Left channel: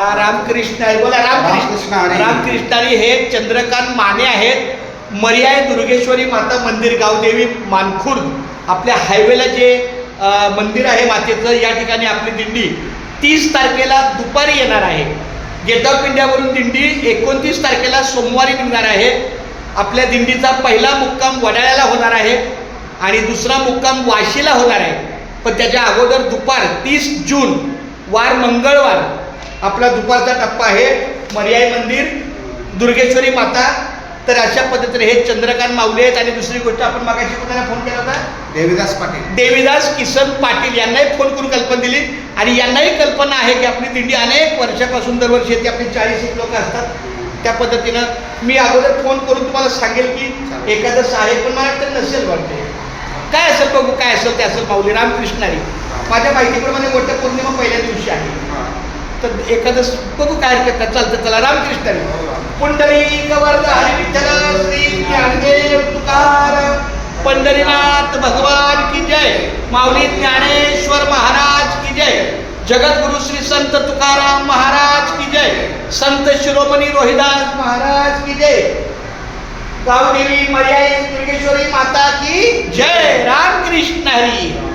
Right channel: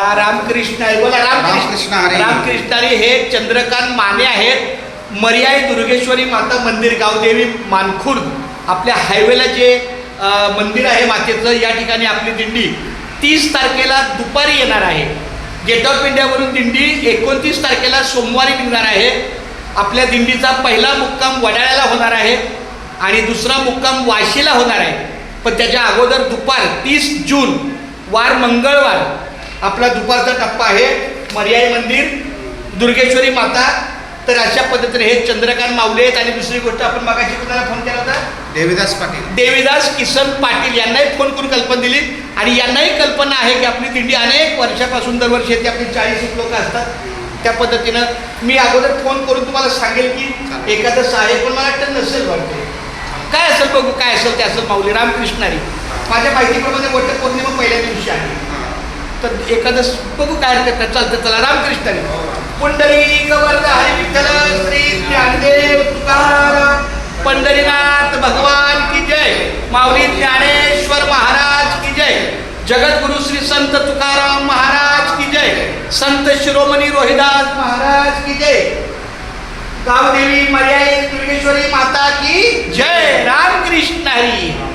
रामकृष्ण हरी बोला. रामकृष्ण हरी. रामकृष्ण हरी. हे चंद्रकांत माने आहेत. मर्याय दुर्गेश्वरी माता मंदिर, गावदेवी मानखुर्द, आपल्या हायवेला जे मंदिर आहे मातेचं, या ठिकाणी आपली दिंडी 30 तारखेला दुपारी येणार आहे. गेट ऑफ इंडियावरून दिंडी 29 तारखेला सोमवारी निघणार आहे. आपल्या दिंडीचा पहिला मुक्काम वडाळ्याला होणार आहे आणि दुसरा मुक्काम वाशीला होणार आहे. पण त्याच्या अगोदर दुपार 30 जून वार मंगळवार आपला दुपारचा टप्पा आहे मर्याय मंदिर, दुर्गेश्वरी माता. तर अशा पद्धतीने हे चंद्रकांत माऊली आहेत. आणि दुसरी गोष्ट, आपण मागाशी कोणाला फोन केला होता? देवीदास पाटील. देवीदास किसन पाटील यांनाही फोन करून कल्पना दिली. आणि यांनाही कल्पना आहे की आपली दिंडी अनेक वर्षापासून दरवर्षी येते. आपली 40 लोक असतात. त्या पद्धतीनं मी अगोदर फोन करून तुम्हाला सांगेल की एखादं आहे, पण मला वाटतं नसेल, वाटते काय असेल, बघू काय असेल ते असेल. माऊली रामकृष्ण हरी. माझ्या माहितीप्रमाणे मोठ्या पौर्णिमा पहिल्या दिवशी आहे. तर एखादं बघू काय हरकत नाही, चालतं. चला रामकृष्ण हरी. पुंडलिक वरद हरी विठ्ठल श्री ज्ञानदेव तुकाराम पंढरीनाथ भगवान की जय. माऊली ज्ञानेश्वर महाराज की जय. जगद्गुरु श्री संत तुकाराम महाराज की जय. संत शिरोमणी रोहिदास महाराज की जय. गावदेवी मर्याई दुर्गेश्वरी माता की जय. रामकृष्ण हरी.